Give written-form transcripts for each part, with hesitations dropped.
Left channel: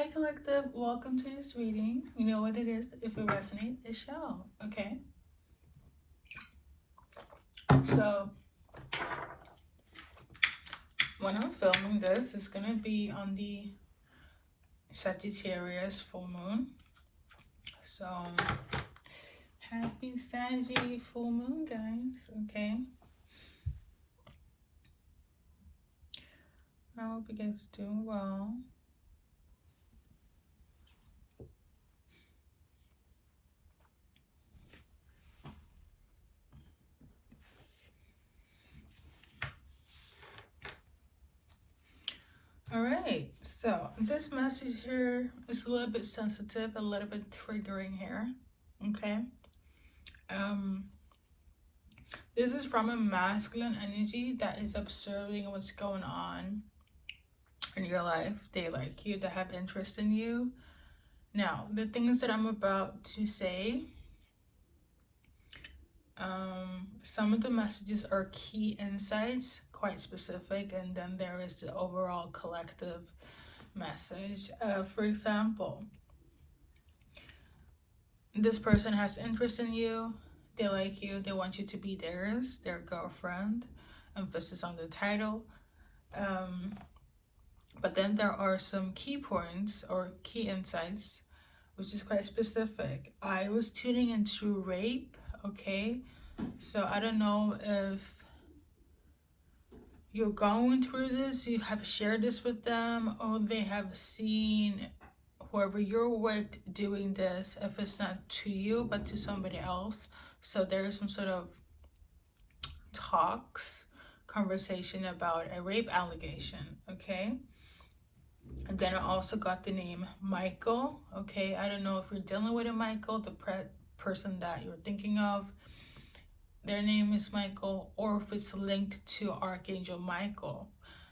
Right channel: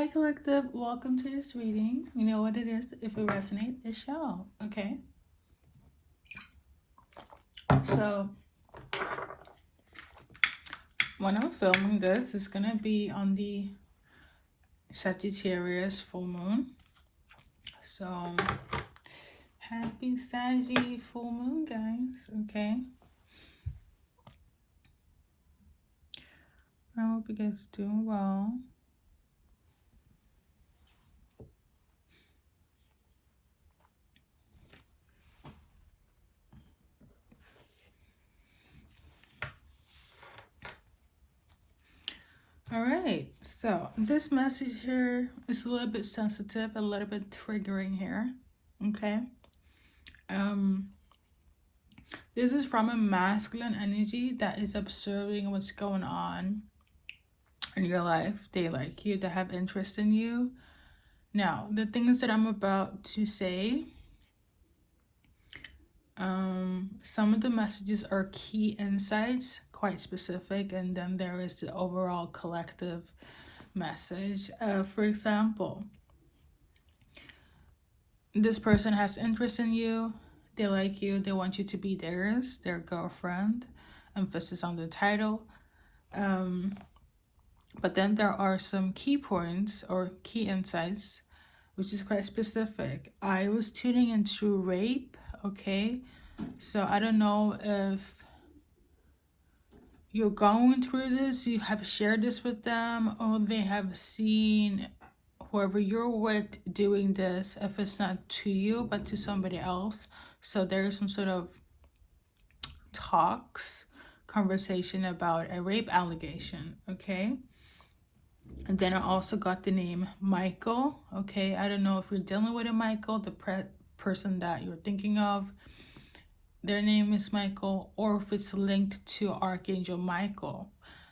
Hi collective, welcome to this reading. You know what it is. If it resonates, it's y'all. Okay. So when I'm filming this, it's gonna be on the Sagittarius full moon. So happy Saggy full moon, guys. Okay. I hope you guys are doing well. All right, so this message here is a little bit sensitive, a little bit triggering here. Okay. This is from a masculine energy that is observing what's going on in your life. They like you, they have interest in you. Now, the things that I'm about to say, some of the messages are key insights, quite specific, and then there is the overall collective message. For example, this person has interest in you, they like you, they want you to be theirs, their girlfriend, emphasis on the title. But then there are some key points or key insights, which is quite specific. I was tuning into rape, okay? So I don't know if you're going through this, you have shared this with them, or they have seen whoever you're with doing this, if it's not to you, but to somebody else. So there is some sort of conversation about a rape allegation, okay? And then I also got the name Michael, okay? I don't know if you're dealing with a Michael, the person that you're thinking of, their name is Michael, or if it's linked to Archangel Michael.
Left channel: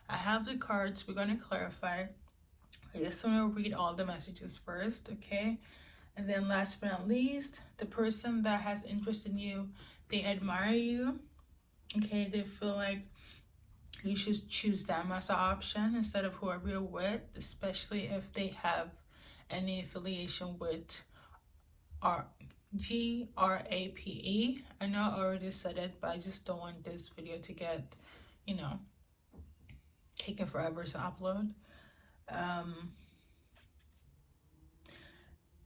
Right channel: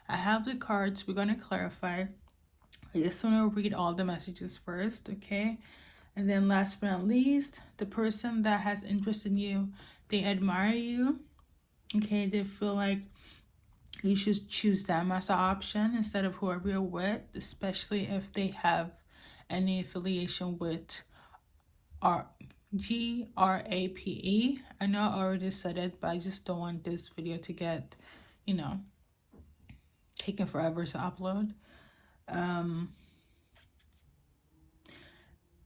I have the cards, we're going to clarify. I just want to read all the messages first, okay? And then last but not least, the person that has interest in you, they admire you, okay? They feel like you should choose them as an option instead of whoever you're with, especially if they have any affiliation with GRAPE. I know I already said it, but I just don't want this video to get, taking forever to upload.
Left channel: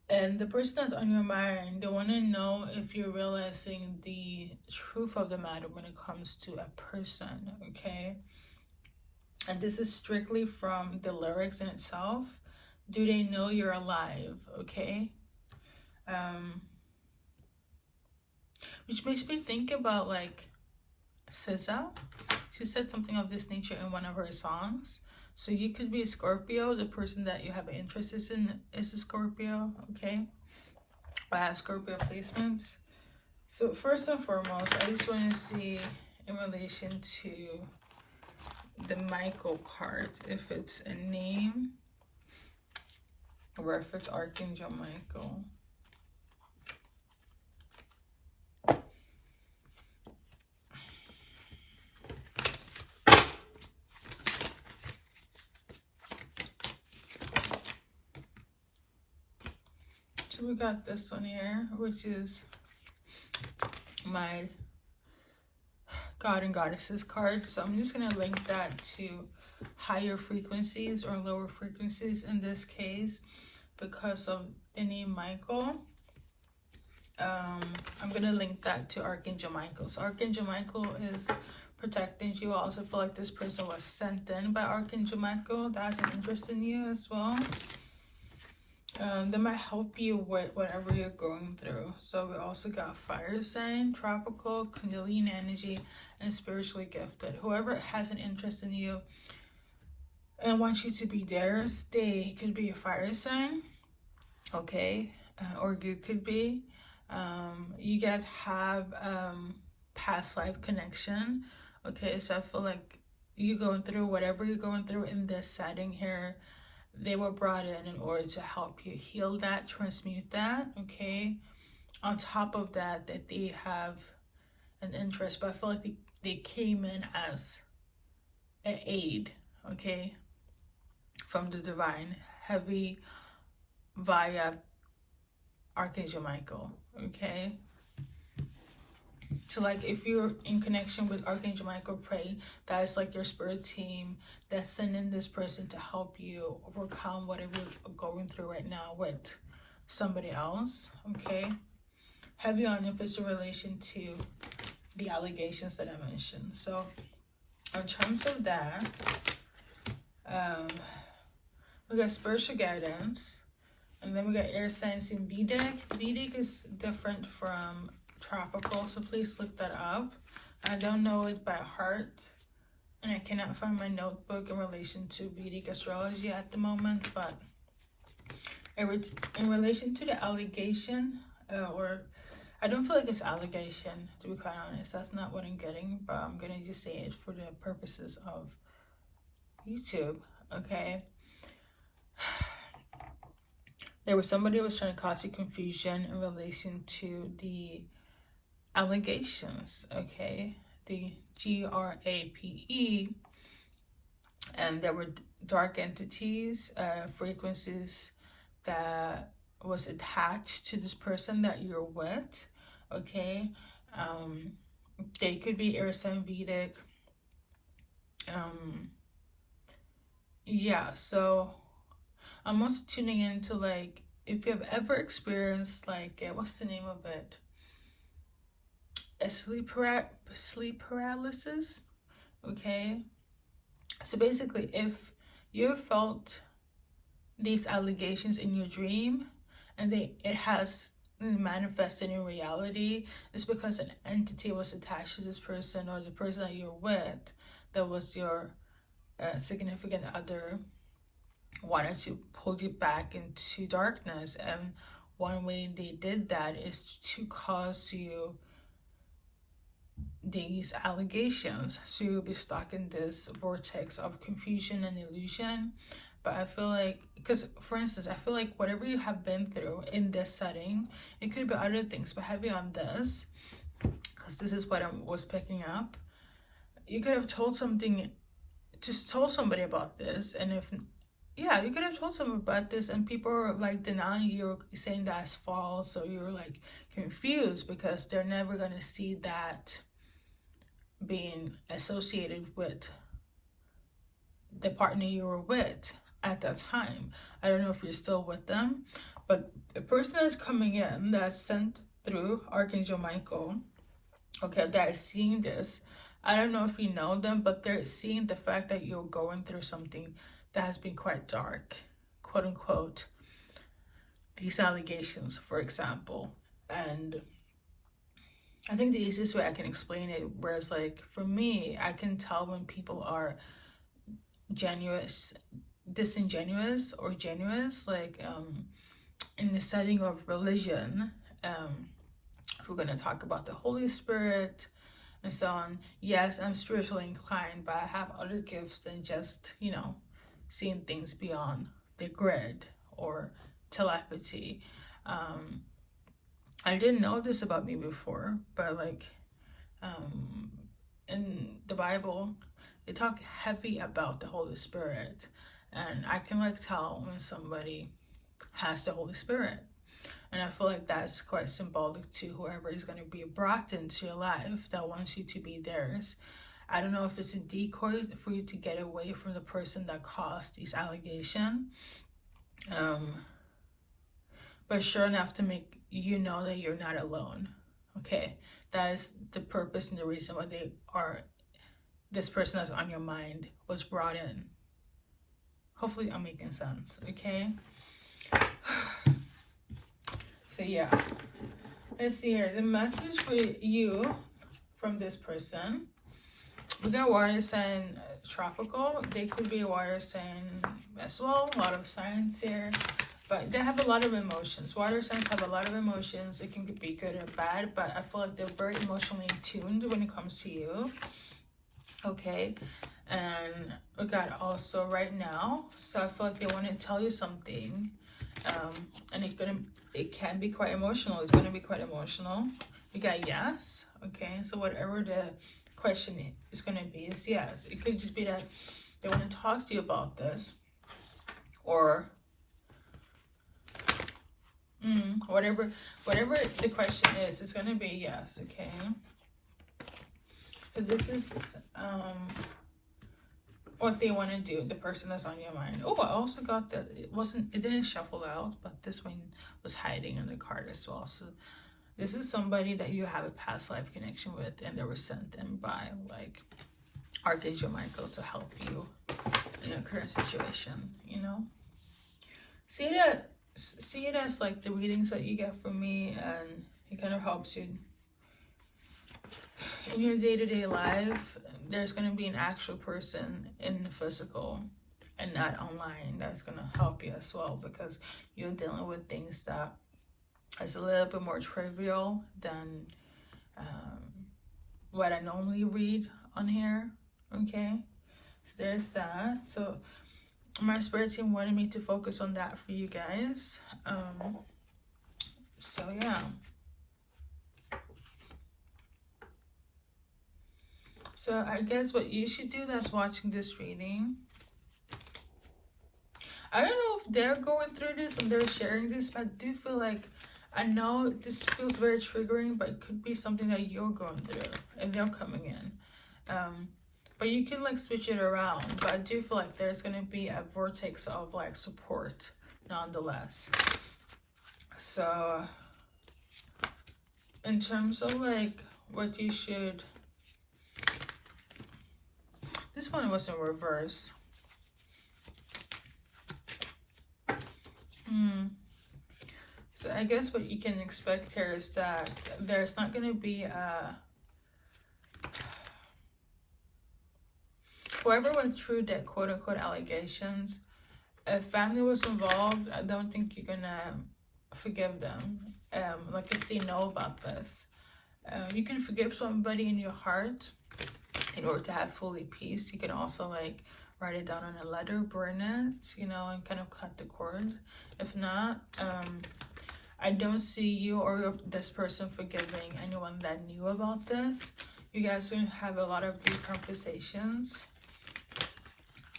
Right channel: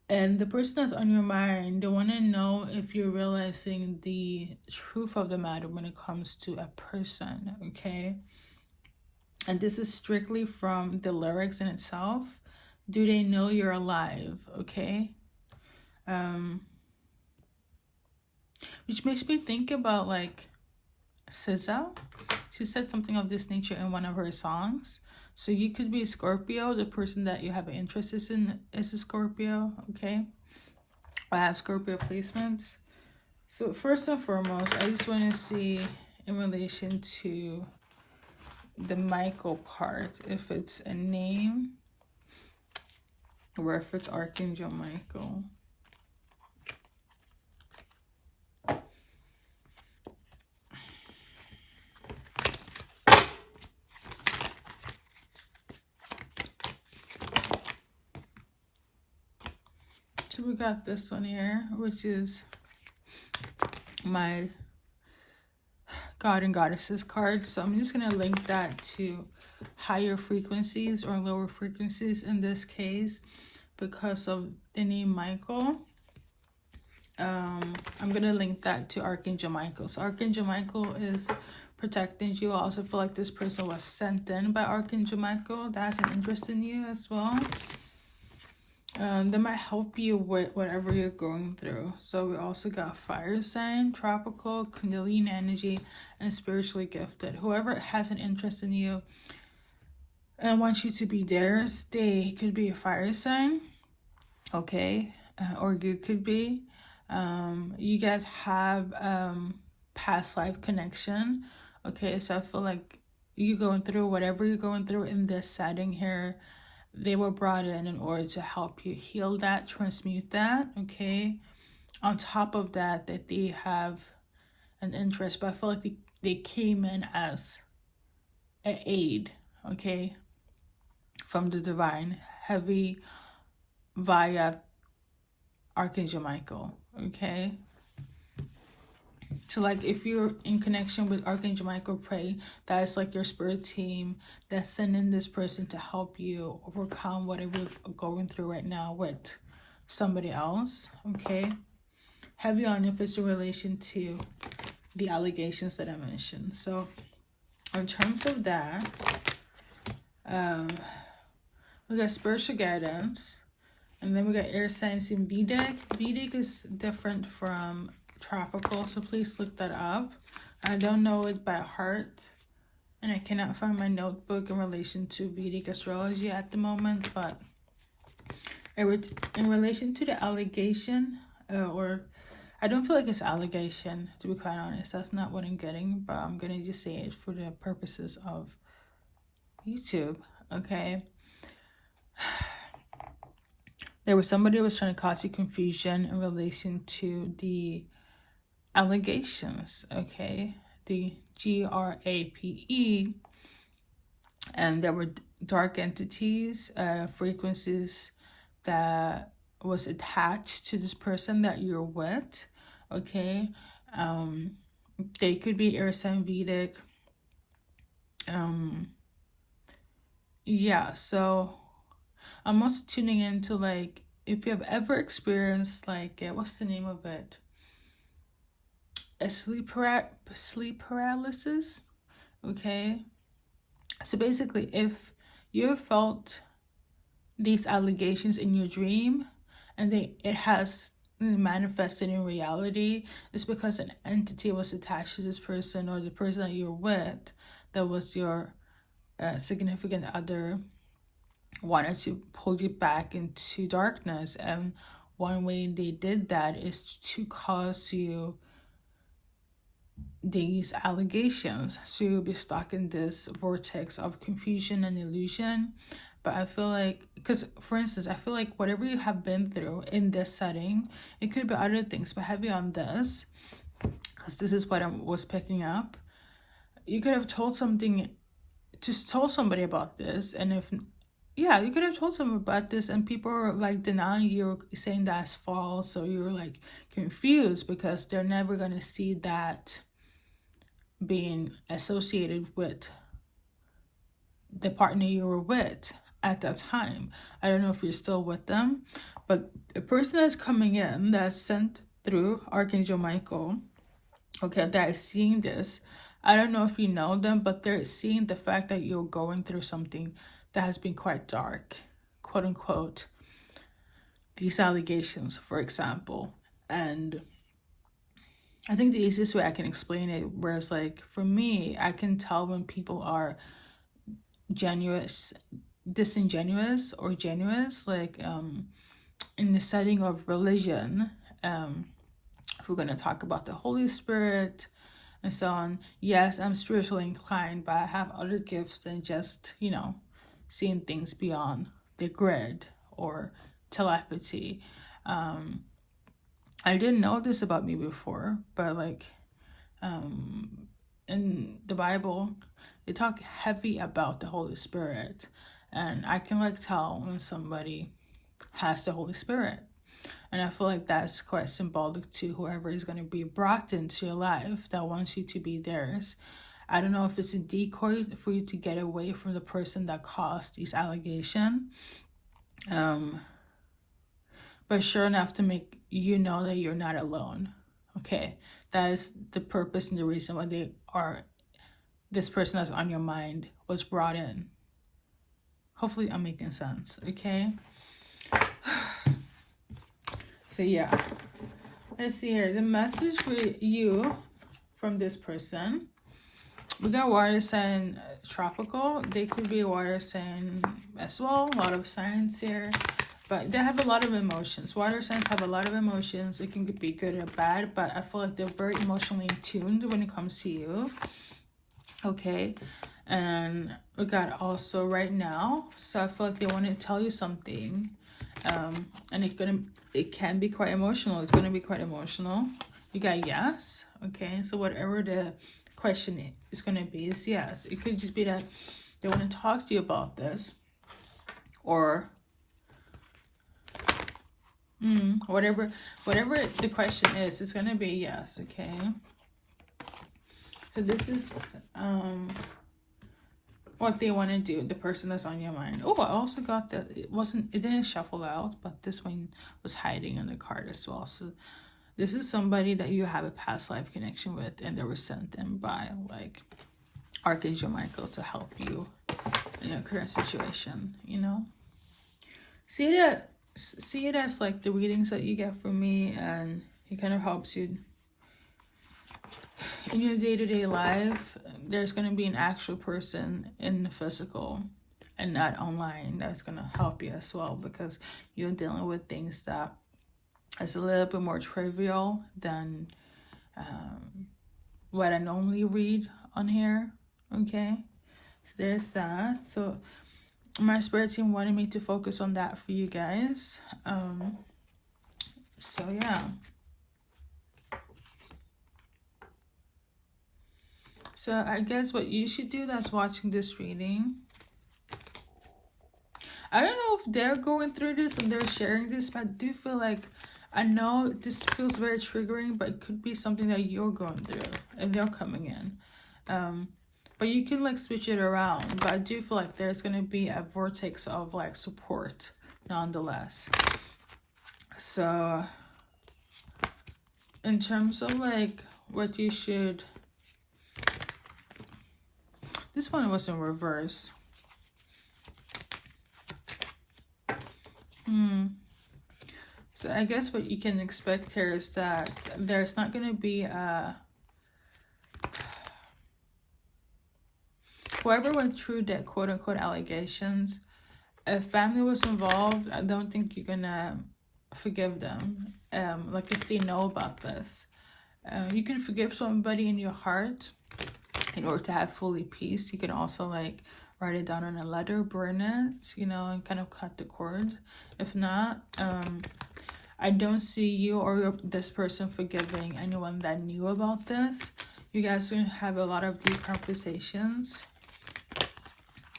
And the person that's on your mind, they want to know if you're realizing the truth of the matter when it comes to a person, okay? And this is strictly from the lyrics in itself. Do they know you're alive, okay? Which makes me think about like SZA. She said something of this nature in one of her songs. So you could be a Scorpio. The person that you have an interest in is a Scorpio, okay? I have Scorpio placements. So first and foremost, I just want to see in relation to the Michael part, if it's a name or if it's Archangel Michael. So we got this one here, which is my God and Goddesses card. So I'm just going to link that to higher frequencies or lower frequencies in this case because of the name Michael. I'm going to link that to Archangel Michael. So Archangel Michael is protecting you. I also feel like this person was sent in by Archangel Michael. That has an interest in you as well. They might help you with whatever you're going through. So we also got fire sign, tropical, Kundalini energy, and spiritually gifted. Whoever has an interest in you and wants you to be theirs, they could be a fire sign, okay? Or you could be. You guys have past life connection, okay? So I feel like you going through whatever you're going through in this setting here, they were brought in order to help you heal that, transmute that, okay? On top of that, that they have an interest, but I feel like they came in as an aid, okay? From the divine, heavy via Archangel Michael, okay? So like if you're in connection with Archangel Michael, pray that's like your spirit team that's sending this person to help you overcome whatever you're going through right now with somebody else, okay? Heavy on if it's in relation to the allegations that I mentioned. So in terms of that, we got spiritual guidance, and then we got air signs in Vedic. Vedic is different from tropical, so please look that up. I don't know it by heart, and I cannot find my notebook in relation to Vedic astrology at the moment, but in relation to the allegation, or I don't feel like it's allegation, to be quite honest. That's not what I'm getting, but I'm gonna just say it for the purposes of YouTube, okay? There was somebody who was trying to cause you confusion in relation to the allegations, okay? The GRAPE, and there were dark entities, frequencies that was attached to this person that you're with, okay? They could be air sign Vedic. Yeah, so I'm also tuning into like if you've ever experienced like what's the name of it? A sleep paralysis, okay? So basically, if you felt these allegations in your dream and it has manifested in reality, it's because an entity was attached to this person, or the person that you're with, that was your significant other, wanted to pull you back into darkness. And one way they did that is to cause you these allegations, so you'll be stuck in this vortex of confusion and illusion. But I feel like, because for instance, I feel like whatever you have been through in this setting, it could be other things, but heavy on this, because this is what I was picking up. You could have told somebody about this, and you could have told someone about this, and people are like denying you, saying that's false, so you're like confused because they're never going to see that being associated with the partner you were with at that time. I don't know if you're still with them, but the person that's coming in that's sent through Archangel Michael, okay, that is seeing this, I don't know if you know them, but they're seeing the fact that you're going through something that has been quite dark, quote unquote, these allegations, for example. And I think the easiest way I can explain it, whereas like for me, I can tell when people are disingenuous or genuine, like in the setting of religion, if we're going to talk about the Holy Spirit and so on. Yes, I'm spiritually inclined, but I have other gifts than just, seeing things beyond the grid or telepathy. I didn't know this about me before, but like in the Bible, they talk heavy about the Holy Spirit, and I can like tell when somebody has the Holy Spirit. And I feel like that's quite symbolic to whoever is going to be brought into your life that wants you to be theirs. I don't know if it's a decoy for you to get away from the person that caused these allegations. But sure enough to make you know that you're not alone. Okay, that is the purpose and the reason why this person that's on your mind was brought in. Hopefully I'm making sense, okay? So yeah, let's see here. The message for you from this person. We got water sign tropical. They could be a water sign as well. A lot of signs here. But they have a lot of emotions. Water signs have a lot of emotions. It can be good or bad, but I feel like they're very emotionally tuned when it comes to you. Okay, and we got also right now. So I feel like they want to tell you something, and it can be quite emotional. It's gonna be quite emotional. You got yes. Okay, so whatever the question is gonna be is yes. It could just be that they want to talk to you about this, or Whatever the question is, it's gonna be yes. Okay. So this is what they want to do. The person that's on your mind. Oh, I also got that. It didn't shuffle out, but this one was hiding in the card as well. So this is somebody that you have a past life connection with, and they were sent in by like Archangel Michael to help you in your current situation. You know, see it as like the readings that you get from me, and it kind of helps you in your day-to-day life. There's going to be an actual person in the physical and not online that's going to help you as well, because you're dealing with things that is a little bit more trivial than what I normally read on here. Okay, so there's that. So my spirit team wanted me to focus on that for you guys. So yeah. So I guess what you should do that's watching this reading, I don't know if they're going through this and they're sharing this, but I do feel like, I know this feels very triggering, but it could be something that you're going through and they're coming in. But you can like switch it around. But I do feel like there's going to be a vortex of like support nonetheless. So in terms of like what you should, this one was in reverse. So I guess what you can expect here is that there's not going to be a... Whoever went through that quote-unquote allegations, if family was involved, I don't think you're going to forgive them. Like if they know about this. You can forgive somebody in your heart in order to have fully peace. You can also like write it down in a letter, burn it, you know, and kind of cut the cord. If not, I don't see you or this person forgiving anyone that knew about this. You guys are going to have a lot of deep conversations.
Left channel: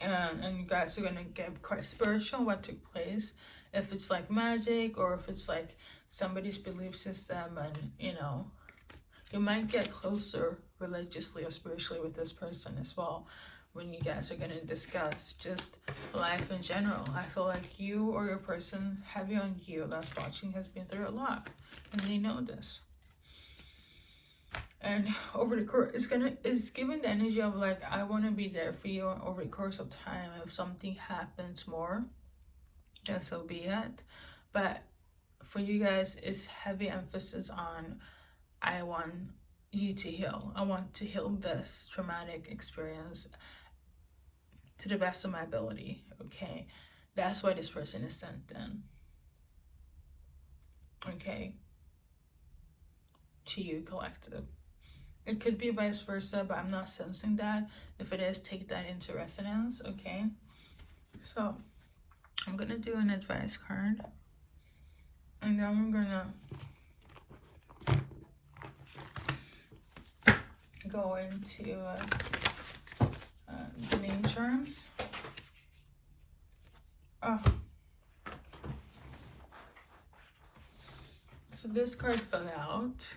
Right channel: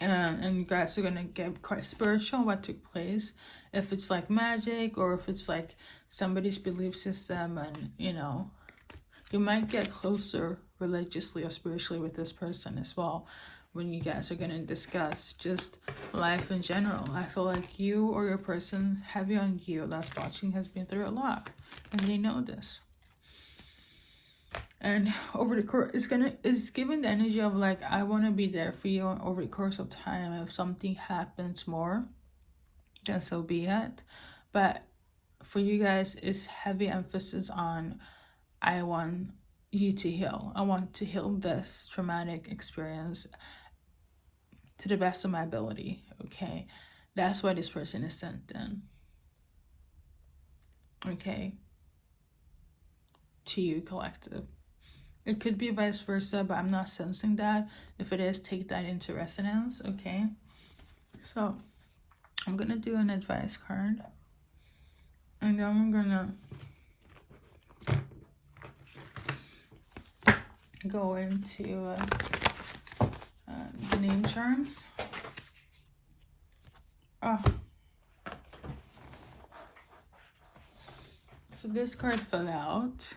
And you guys are going to get quite spiritual what took place. If it's like magic or if it's like somebody's belief system, and you know, you might get closer religiously or spiritually with this person as well when you guys are going to discuss just life in general. I feel like you or your person, heavy on you, that's watching, has been through a lot, and they know this. And over the course, it's giving the energy of like, I want to be there for you over the course of time. If something happens more, then so be it. But for you guys, it's heavy emphasis on, I want you to heal. I want to heal this traumatic experience to the best of my ability. Okay, that's why this person is sent in. Okay, to you, collective. It could be vice versa, but I'm not sensing that. If it is, take that into resonance. Okay, so I'm gonna do an advice card, and then I'm gonna go into the name charms. So this card fell out.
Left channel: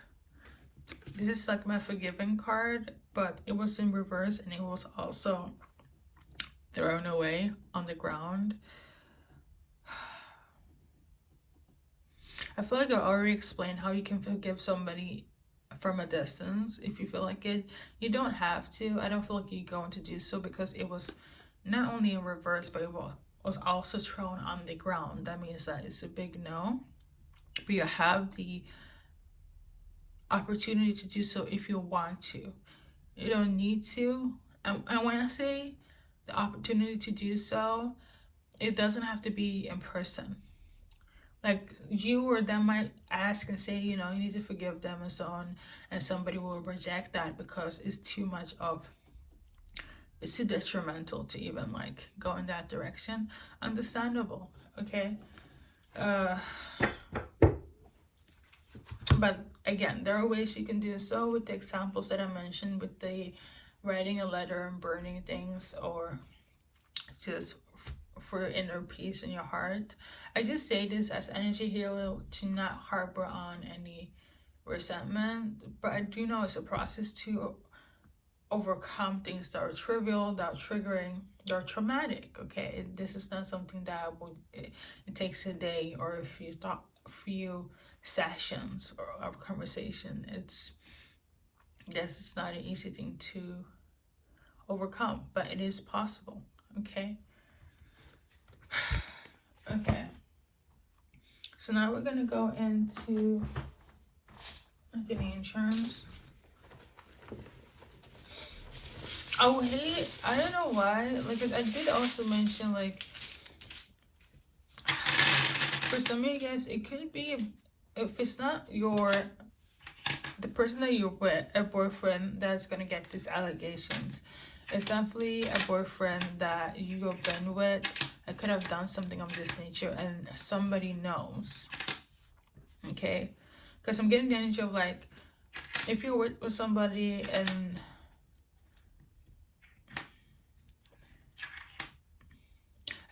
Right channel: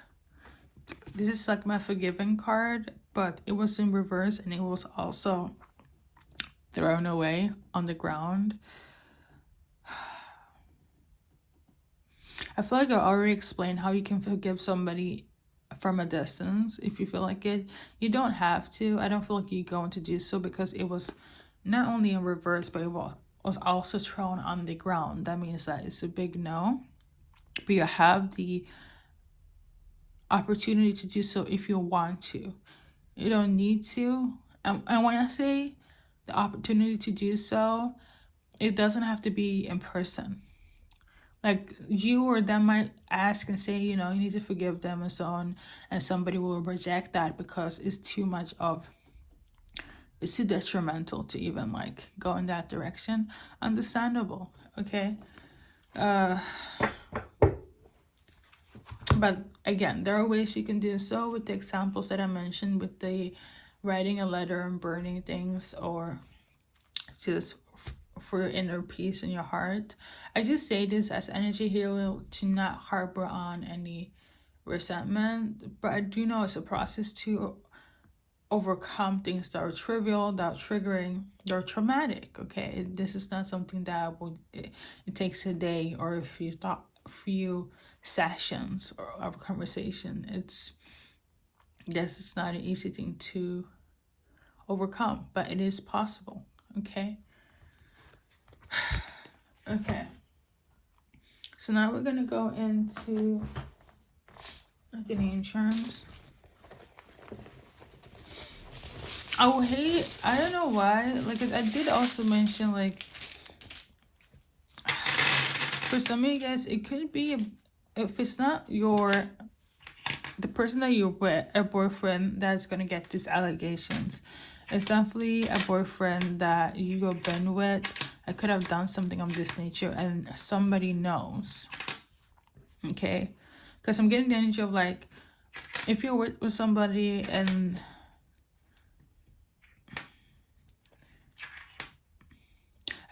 This is like my forgiving card, but it was in reverse and it was also thrown away on the ground. I feel like I already explained how you can forgive somebody from a distance if you feel like it. You don't have to. I don't feel like you're going to do so because it was not only in reverse, but it was also thrown on the ground. That means that it's a big no. But you have the opportunity to do so if you want to. You don't need to. And when I say the opportunity to do so, it doesn't have to be in person. Like you or them might ask and say, you know, you need to forgive them and so on, and somebody will reject that because it's too detrimental to even like go in that direction. Understandable, okay? But again, there are ways you can do so with the examples that I mentioned, with the writing a letter and burning things, or just for your inner peace in your heart. I just say this as energy healer to not harbor on any resentment, but I do know it's a process to overcome things that are trivial, that are triggering, that are traumatic. Okay, this is not something that it takes a day or a few sessions of conversation. This is not an easy thing to overcome, but it is possible. Okay. Okay. So now we're gonna go into the insurance. Oh, hey, I don't know why. Like, I did also mention, like, for some of you guys, it could be, if it's not the person that you're with, a boyfriend that's gonna get these allegations. It's definitely a boyfriend that you have been with. I could have done something of this nature and somebody knows. Okay? Because I'm getting the energy of, like, if you're with somebody and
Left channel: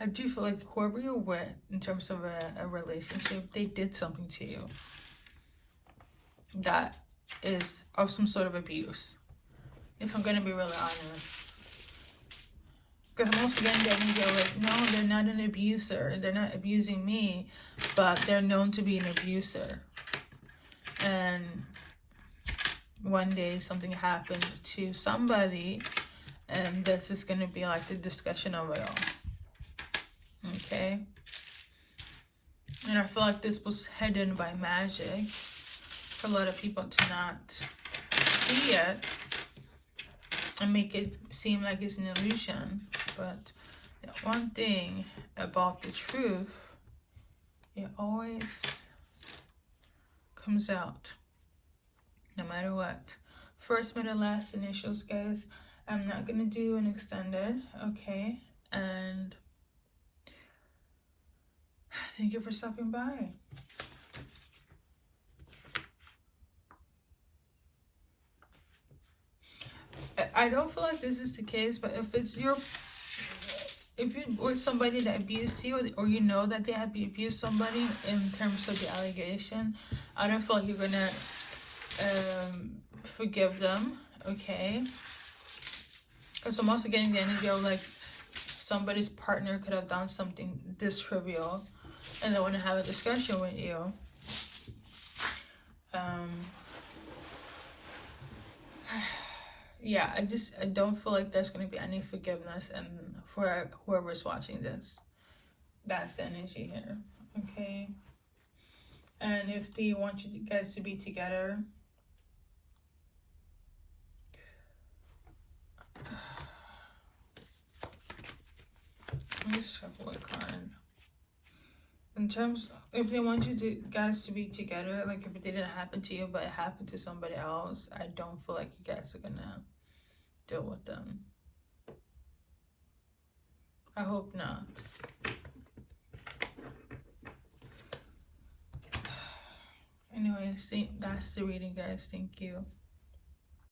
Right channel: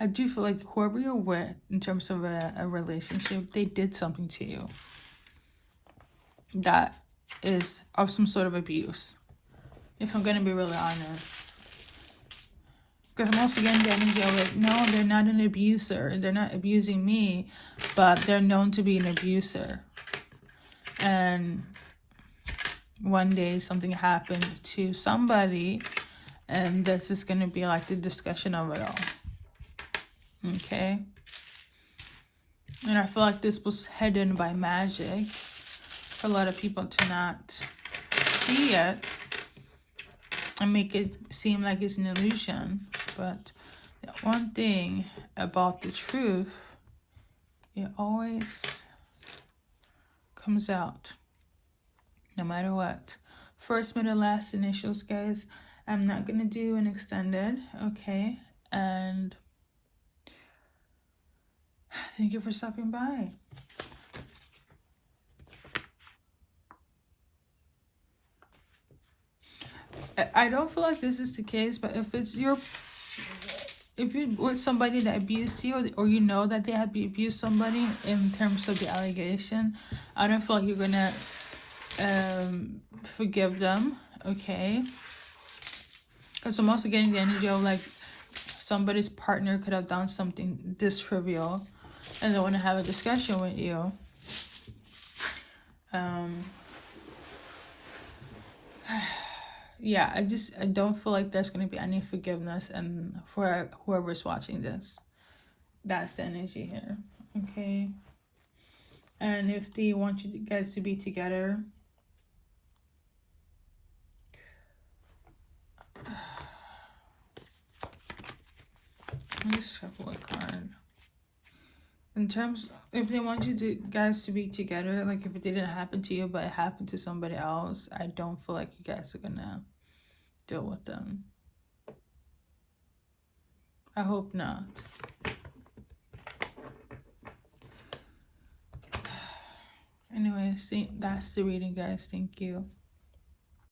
I do feel like whoever you're with in terms of a relationship, they did something to you that is of some sort of abuse. If I'm going to be really honest. Because I'm also getting the energy of, like, no, they're not an abuser. They're not abusing me, but they're known to be an abuser. And one day something happened to somebody, and this is going to be like the discussion of it all. Okay? And I feel like this was hidden by magic for a lot of people to not see it and make it seem like it's an illusion. But one thing about the truth, it always comes out, no matter what. First, middle, last initials, guys. I'm not going to do an extended, okay? And thank you for stopping by. I don't feel like this is the case, but if you're with somebody that abused you, or you know that they have abused somebody in terms of the allegation, I don't feel like you're gonna forgive them, okay? Because I'm also getting the energy of, like, somebody's partner could have done something this trivial and they want to have a discussion with you. Yeah, I don't feel like there's going to be any forgiveness, and for whoever's watching this, that's the energy here, okay? And if they want you guys to be together, let me shuffle a card. In terms, if they want you guys to be together, like if it didn't happen to you but it happened to somebody else, I don't feel like you guys are gonna deal with them. I hope not. Anyways, that's the reading, guys. Thank you.